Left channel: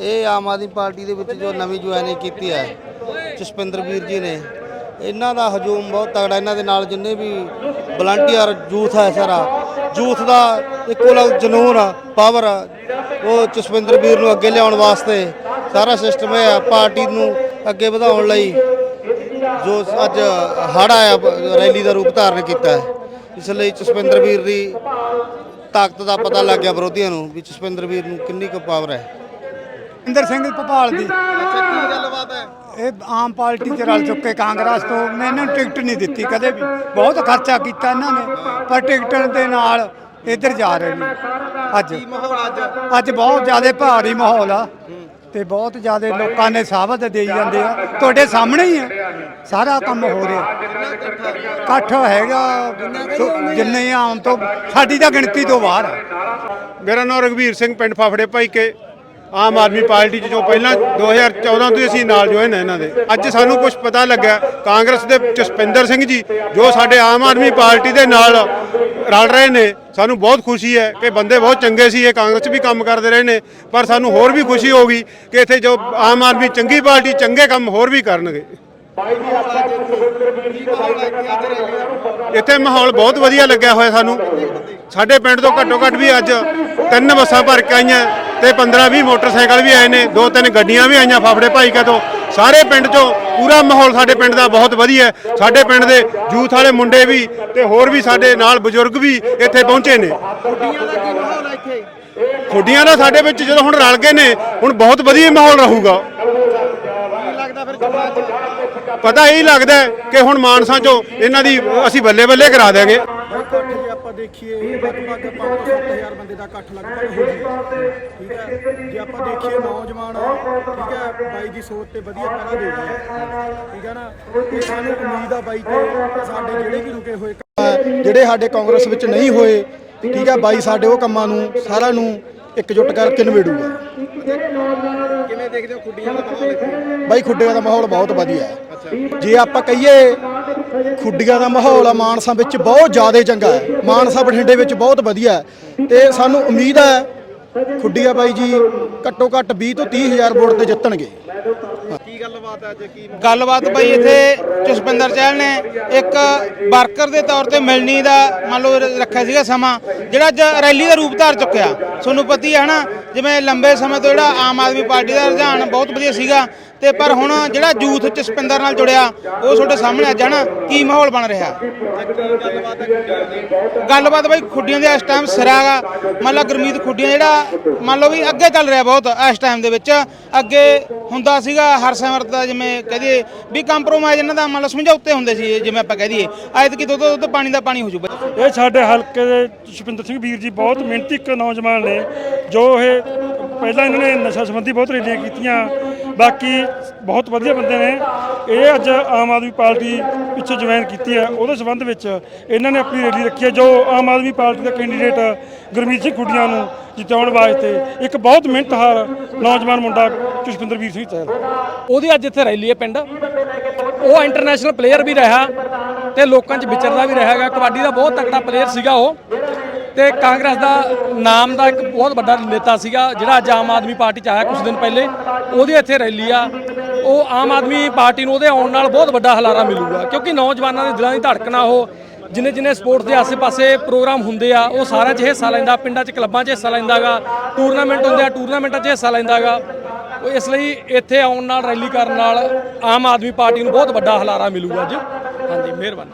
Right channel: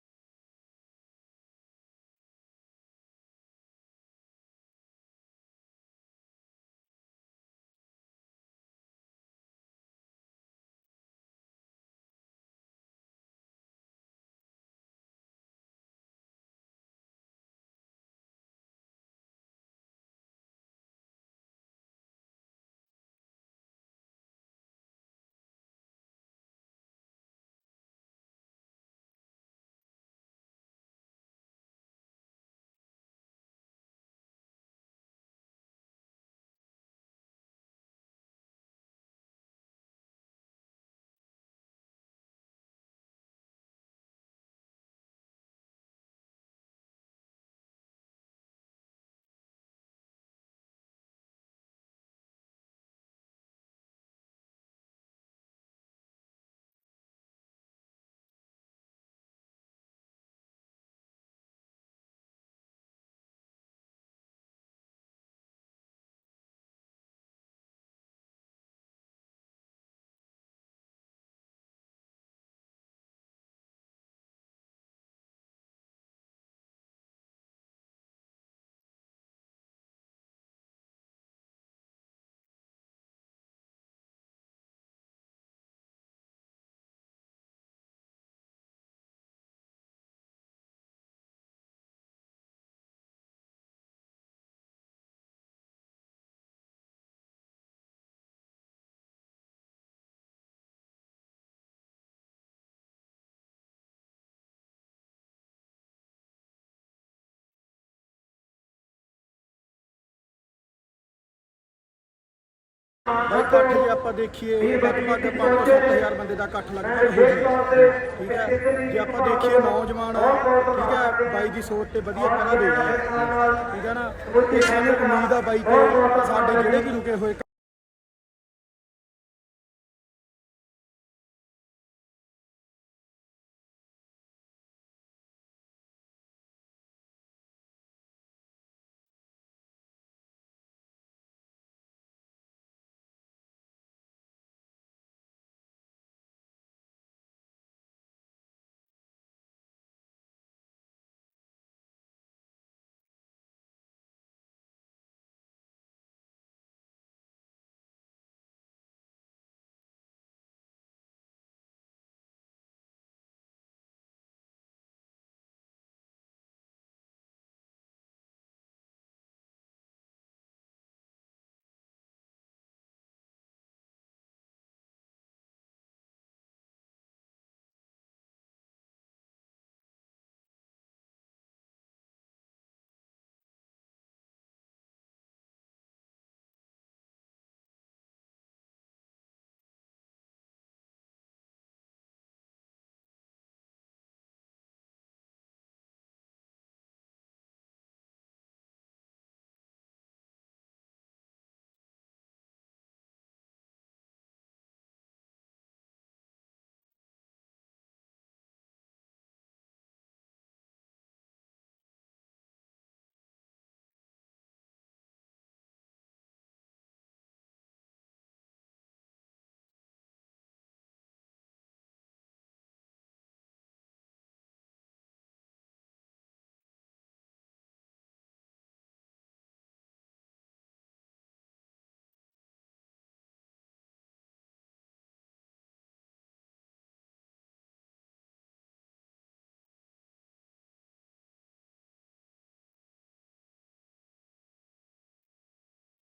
ਇਹ ਆਮ ਆਦਮੀ ਪਾਰਟੀ ਦੇ ਵਿੱਚ ਜੋ ਨਵੀਂ ਜੁਆਇਨਿੰਗ ਕੀਤੀ ਹੈ ਜਸਪਿੰਦਰ ਵੀਰ ਜੀ ਨੇ ਇਹਨਾਂ ਦਾ ਹਜੂਮ ਬਹੁਤ ਤਗੜਾ ਇਹਨਾਂ ਦੇ ਨਾਲ ਜਿੰਨੇ ਵੀ ਵਲੰਟੀਅਰ ਯੂਥ ਹੈ ਸਾਰਾ ਯੂਥ ਦਾ ਇੱਕੋ ਲਗ ਜਨੂਨ ਆ ਪਾਵਰ ਆ, ਉਹ ਜਸਪਿੰਦਰ ਵੀਰ ਨੂੰ ਅੱਗੇ ਲਿਆਉਣ ਵਾਸਤੇ ਸਾਰਾ ਸਿਸਟਮ ਇਹ ਆ ਪਾਰਟੀ ਨੂੰ ਅੱਗੇ ਵਧਾਉਣ ਲਈ ਜੋ ਅੱਜ ਹੜ ਆਇਆ ਰੈਲੀ ਦਾ ਰੂਪ ਧਾਰਨ ਕੀਤਾ ਹੈ ਇਸ ਲਈ ਜਸਪਿੰਦਰ ਵੀਰ ਦੀ ਤਾਕਤ ਦਾ ਪਤਾ ਲੱਗ ਗਿਆ ਵਿਰੋਧੀਆਂ ਨੂੰ ਵੀ ਜਸਪਿੰਦਰ ਵੀਰ ਨੂੰ ਕਿੰਨੀ ਕੁ ਪਾਵਰ ਹੈ। ਇੰਦਰ ਸਿੰਘ ਭੋਪਾਲ ਦੀ। ਅੱਛਾ ਕੀ ਗੱਲਬਾਤ ਹੈ? ਇਹ ਆਮ ਪਾਰਟੀ 'ਚ ਰਲ ਚੁੱਕੇ ਕਾਂਗਰਸ ਤੋਂ। ਮੈਨੂੰ ਟਿਕਟ ਨਹੀਂ ਦਿੱਤੀ ਕਦੇ ਵੀ। ਬਹੁਤ ਖਰਚਾ ਕੀਤਾ ਇਹਨਾਂ ਨੇ ਪਰ ਟਿਕਟ ਦੇ ਨਾਲ ਇੱਧਰ ਜਾ ਰਹੇ ਨੇ। ਅੱਜ। ਮਾਹੌਲ ਅੱਜ? ਅੱਜ ਬਹੁਤ ਜ਼ਿਆਦਾ ਭਾਰੀ ਮਾਹੌਲ ਆ ਤੇ ਬਹੁਤ ਜ਼ਿਆਦਾ ਲੋਕਾਂ ਨੇ ਸਾਬਤ ਦੇਈ ਜਾਂਦੇ ਆ। ਤੁਹਾਡੇ ਸਾਹਮਣੇ ਹੀ ਆ। ਸਾਰਾ ਕੰਮ ਹੋ ਰਿਹਾ। ਇਕੱਠ ਹੈਗਾ? ਜਿੰਨੇ ਆਮ ਤੋਂ ਸਾਡੀ ਤਾਂ ਗਿਣਤੀ ਤੋਂ ਬਾਹਰ ਆ। ਮੇਰਾ ਨਾਮ ਰਘਵੀਰ ਸਿੰਘ ਪਿੰਡ ਫਾਫੜੇ ਭਾਈ ਕੇ ਆਮ ਆਦਮੀ ਪਾਰਟੀ 'ਚ ਜੋ ਪਹਿਲਾਂ 2014 ਤੋਂ ਹੀ ਅਸੀਂ ਨਾਲ ਜੁਆਇਨ ਹੈ ਇਹਨਾਂ ਦੇ। ਅੱਜ ਸਾਨੂੰ ਕੁਝ ਪਤਾ ਲੱਗਾ ਕਾਂਗਰਸ ਦੇ ਜਸਪਿੰਦਰ ਸਿੰਘ ਜੀ, ਜੋ ਸਾਡੇ ਆਮ ਆਦਮੀ ਪਾਰਟੀ ਦੇ ਨਾਲ ਰਲ ਰਹੇ ਨੇ, ਸਾਨੂੰ ਬਹੁਤ ਖੁਸ਼ੀ ਹੈ ਕਿ ਬੰਦੇ ਬਹੁਤ ਚੰਗੇ ਸੀ, ਇਹ ਕਾਂਗਰਸ 'ਚ ਵੀ ਕੰਮ ਕਰਦੇ ਰਹੇ ਨੇ, ਪਰ ਸਾਨੂੰ ਹੋਰ ਵੀ ਖੁਸ਼ੀ ਹੋਗੀ ਕਿ ਇੱਥੇ ਜੋ ਆਮ ਆਦਮੀ ਚੰਗੀ ਪਾਰਟੀ, ਚੰਗੇ ਕੰਮ ਹੋਰ ਵੀ ਕਰਨਗੇ। ਇੱਥੇ ਮਾਹੌਲ ਬਹੁਤ ਵਧੀਆ ਲੱਗਿਆ ਹੋਇਆ ਸਾਨੂੰ। ਸਾਡੇ ਪਿੰਡ ਤੋਂ ਘੱਟੋ ਘੱਟ ਵੀ ਅੱਜ ਤਿੰਨ ਬੱਸਾਂ ਭਰ ਕੇ ਆਈਆਂ। ਤੇ 15-20 ਮੋਟਰਸਾਈਕਲ ਵੀ ਆਏ ਨੇ ਦੋ ਤਿੰਨ ਗੱਡੀਆਂ ਵੀ ਆਈਆਂ ਫਾਫੜੇ ਭਾਈ ਕਾ ਤੋਂ। ਸਾਰੇ ਪਿੰਡ 'ਚੋਂ ਪੂਰਾ ਮਾਹੌਲ ਸਾਡੇ ਪਿੰਡ ਦਾ ਬਹੁਤ ਵਧੀਆ ਹੈ। ਸਾਡੇ ਪਿੰਡ ਦੇ ਯੂਥ ਵਾਲੇ ਮੁੰਡੇ ਵੀ ਤੇ ਹੋਰ ਵੀ ਸਾਡੇ ਨਾਲ ਬਜ਼ੁਰਗ ਵੀ ਇੱਥੇ ਪਹੁੰਚੇ ਨੇ। ਖੁੱਡੀਆਂ ਦਾ ਕੀ ਮਾਹੌਲ ਹੈ ਇੱਥੇ? ਖੁੱਡੀਆਂ ਦਾ ਸਾਡੇ ਵਿੱਚ ਜਦੋਂ ਹੁਣ ਰਲ ਗਏ ਨੇ ਹੁਣ ਬਹੁਤ ਵਧੀਆ ਮਾਹੌਲ ਰਹੂਗਾ। ਪਤਾ ਇਹ ਲੱਗਦਾ ਹੈ ਕਿ ਹੁਣ ਮਾਨਸਾ 'ਚੋਂ ਇਹਨਾਂ ਦੀ ਅਸੀਂ ਬੱਲੇ ਬੱਲੇ ਕਰਾ ਦੇਾਂਗੇ ਬਾਈ ਇਕੱਠ ਜੇ ਆਪਾਂ ਦੇਖੀਏ ਲਗਭਗ 5-7000 ਬੰਦੇ ਦਾ ਇਕੱਠ ਲਗਭਗ ਹੋ। ਗਿਆ ਠੀਕ ਹੈ, ਜੇ ਆਪਾਂ ਦੇਖੀਏ ਨੌਜਵਾਨ ਠੀਕ ਹੈ, ਬਾਈ ਦੀ ਸੋਚ ਤੇ ਵਧੀਆ ਪਹਿਰਾ ਦੇ ਰਹੇ ਠੀਕ ਹੈ ਨਾ, ਤੇ ਸਾਨੂੰ ਉਮੀਦ ਆ ਬਾਈ ਤੇ ਸਾਡੇ ਜਿਹੜੇ ਵੀ ਰੁਕੇ ਹੋਏ ਕੰਮ ਜਿਹੜੇ ਸਾਡੇ ਕਾਂਗਰਸ ਵਿੱਚ ਨਹੀਂ ਹੋਏ, ਠੀਕ ਹੈ, ਬਾਈ ਸਾਡੇ ਉਹ ਕੰਮਾਂ ਨੂੰ, ਸਾਰਿਆਂ ਨੂੰ ਇਕਜੁੱਟ ਕਰਕੇ ਨਿਬੇੜੂਗਾ ਕਿਵੇਂ ਦੇਖਦੇ ਹੋ ਖੁੱਡੀਆਂ ਦਾ ਮਾਹੌਲ ਇੱਥੇ? ਬਾਈ ਖੁੱਡੀਆਂ ਦਾ ਮਾਹੌਲ ਬਹੁਤ ਵਧੀਆ ਹੈ। ਜੇ ਆਪਾਂ ਕਹੀਏ ਖੁੱਡੀਆਂ ਦਾ ਮਾਹੌਲ ਆ ਮਾਨਸਾ ਵਿੱਚ ਬਹੁਤ ਜ਼ਿਆਦਾ ਚੰਗਾ ਹੈ। ਮਾਨਸਾ ਬਠਿੰਡੇ ਵਿੱਚ ਬਹੁਤ ਵਧੀਆ ਹੈ। ਤੇ ਸਾਨੂੰ ਉਮੀਦ ਹੈ ਖੁੱਡੀਆਂ ਬਾਈ ਜੀ ਘੱਟੋ ਘੱਟ 20 ਤੋਂ 30 ਹਜ਼ਾਰ ਵੋਟ ਤੇ ਜਿੱਤਣਗੇ। ਕੀ ਗੱਲਬਾਤ ਹੈ ਅੱਜ? ਕੀ ਗੱਲਬਾਤ ਬਈ ਇੱਥੇ ਜਸਪਿੰਦਰ ਚਹਿਲ ਨੇ ਇੱਕ ਵਰਕਰ ਦੇ ਤੌਰ ਤੇ ਮਿਲਣੀ ਦਾ ਮੰਨ ਲਓ ਰੱਖਿਆ ਸੀਗਾ ਸਮਾਂ, ਜਿਹੜਾ ਅੱਜ ਰੈਲੀ ਦਾ ਰੂਪ ਧਾਰ ਚੁੱਕਿਆ। ਤੁਹਾਨੂੰ ਪਤੀ ਹੈ ਨਾ ਜਿਵੇਂ ਲੰਬੇ ਸਮੇਂ ਤੋਂ ਜਿਹੜਾ ਆਮ ਆਦਮੀ ਪਾਰਟੀ ਦਾ ਰੁਝਾਨ ਬਹੁਤ ਵਧੀਆ ਸੀਗਾ ਤੇ ਪਰ ਹੁਣ ਜਿਹੜਾ ਯੂਥ ਜਸਪਿੰਦਰ ਨਾਲ ਜੁੜਿਆ, ਉਹ ਤੁਹਾਡੇ ਸਾਹਮਣੇ ਅੱਜ ਹੈ ਕੀ ਮਾਹੌਲ ਬਣ ਰਿਹਾ? ਗੱਲਬਾਤ ਬਈ ਖੁੱਡੀਆਂ ਦੇ ਇਸ ਟਾਈਮ ਸਿਰਾਗਾ ਮੰਨ ਲਓ ਗੁਰਮੀਤ ਖੁੱਡੀਆਂ ਜਿਹੜਾ, ਮੰਨ ਲਓ ਵੀ ਅੱਗੇ ਚੱਲ ਰਿਹਾ ਬਹੁਤ ਇਸ ਟਾਈਮ ਦੇ ਵਿੱਚ। ਅੱਗੇ ਹੁੰਦਾ ਸੀਗਾ ਹਰਸਿਮਰਤ ਦਾ ਜਿਵੇਂ ਕਹਦੇ ਵੀ ਕੰਪਰੋਮਾਈਜ਼ ਇਹਨਾਂ ਦਾ ਮੰਨ ਲਓ ਸਮਝੌਤੇ ਹੁੰਦੇ ਸੀ ਜਿਵੇਂ ਆਪਾਂ ਕਹਿ ਦਈਏ। ਅੱਜ ਕੀ ਦੁੱਧ ਦੁੱਧ ਪਾਣੀ ਦਾ ਪਾਣੀ ਹੋ ਜੂ ਇਹ ਸਾਡੇ ਹਲਕੇ ਦੇ ਸੁਪਿੰਦਰ ਸਿੰਘ ਵੀਰ ਜੀ ਬਹੁਤ ਮਿਹਨਤੀ ਇੱਕ ਨੌਜਵਾਨ ਨੇ, ਜੋ ਇਹ ਪਹਿਲਾਂ ਇਹਨਾਂ ਨੇ ਨਸ਼ਾ ਸੰਬੰਧੀ ਬਹੁਤ ਰੈਲੀਆਂ ਕੀਤੀਆਂ ਬਾਕੀ ਬਹੁਤ ਵਧੀਆ ਬੰਦੇ ਨੇ। ਇਹ ਅੱਜ ਆਮ ਆਦਮੀ ਪਾਰਟੀ ਪਿੱਛੇ ਜੁਆਇਨ ਕੀਤੀ ਹੈ। ਉਹਦੇ ਸੰਬੰਧ ਵਿੱਚ ਇਹਨਾਂ ਨੇ ਆਪਣੀ ਰੈਲੀ ਰੱਖੀ ਹੈ। ਜੋ ਆਮ ਆਦਮੀ ਪਾਰਟੀ ਦਾ ਕੈਂਡੀਡੇਟ ਗੁਰਮੀਤ ਸਿੰਘ ਖੁੱਡੀਆਂ ਨੂੰ ਜਿਤਾਉਣ ਵਾਸਤੇ ਇੱਕ ਬਹੁਤ ਮਿਹਨਤਹਾਰ ਨੌਜਵਾਨ ਮੁੰਡਾ ਜਸਵਿੰਦਰ ਵੀਰ ਸਿੰਘ ਚਹਿਲ ਉਹਦੀ ਅੱਜ ਇੱਥੇ ਰੈਲੀ ਹੈ ਪਿੰਡ। ਉਹ ਇੰਟਰਨੈਸ਼ਨਲ ਪਲੇਅਰ ਵੀ ਰਿਹਾ ਤੇ ਲੋਕਾਂ 'ਚ ਵਿਚਰਦਾ ਵੀ ਰਿਹਾ ਹੈਗਾ। ਕਬੱਡੀ ਦਾ ਬਹੁਤ ਤਕੜਾ ਪਲੇਅਰ ਸੀਗਾ ਉਹ। ਤੇ ਕਾਂਗਰਸ ਦਾ ਨਾਮ ਦਾ ਇੱਕ ਬਹੁਤ ਵੱਡਾ ਨੇਤਾ ਸੀਗਾ, ਜਿਹੜਾ ਅੱਜ ਆਮ ਆਦਮੀ ਪਾਰਟੀ 'ਚ ਆਇਆ ਕੁਝ ਦਿਨ ਪਹਿਲੇ। ਉਹਦੀ ਇੱਥੇ ਰੈਲੀ ਆ। ਉਹ ਆਮ ਆਦਮੀ ਪਾਰਟੀ ਨੂੰ ਉਹਦੇ ਆਉਣ ਨਾਲ ਬਹੁਤ ਵੱਡਾ ਹਲਾਰਾ ਮਿਲੂਗਾ, ਕਿਉਂਕਿ ਨੌਜਵਾਨਾਂ ਦੇ ਦਿਲਾਂ ਦੀ ਧੜਕਣ ਆ ਉਹ ਜਿੰਨੇ ਜਿੰਨੇ ਸਪੋਰਟਸ ਦੇ ਆਸੇ-ਪਾਸੇ ਪ੍ਰੋਗਰਾਮ ਹੁੰਦੇ ਆ, ਉਹ ਸਾਰਿਆਂ 'ਚ ਹਿੱਸਾ ਲੈਂਦਾ, ਪਿੰਡਾਂ 'ਚ ਕਲੱਬਾਂ 'ਚ ਹਿੱਸਾ ਲੈਂਦਾਗਾ, ਟੂਰਨਾਮੈਂਟ ਹੁੰਦੇ ਆ, ਟੂਰਨਾਮੈਂਟਾਂ 'ਚ ਹਿੱਸਾ ਲੈਂਦਾਗਾ। ਉਹ ਇਸ ਲਈ ਇੱਥੇ ਆਉਣ ਨਾਲ, ਰੈਲੀ ਕਰਨ ਨਾਲ ਆਮ ਆਦਮੀ ਪਾਰਟੀ ਨੂੰ ਬਹੁਤ ਵੱਡਾ ਹਲਾਰਾ ਮਿਲੂਗਾ ਅੱਜ। ਹਾਂਜੀ, ਮਿਹਰਬਾਨੀ।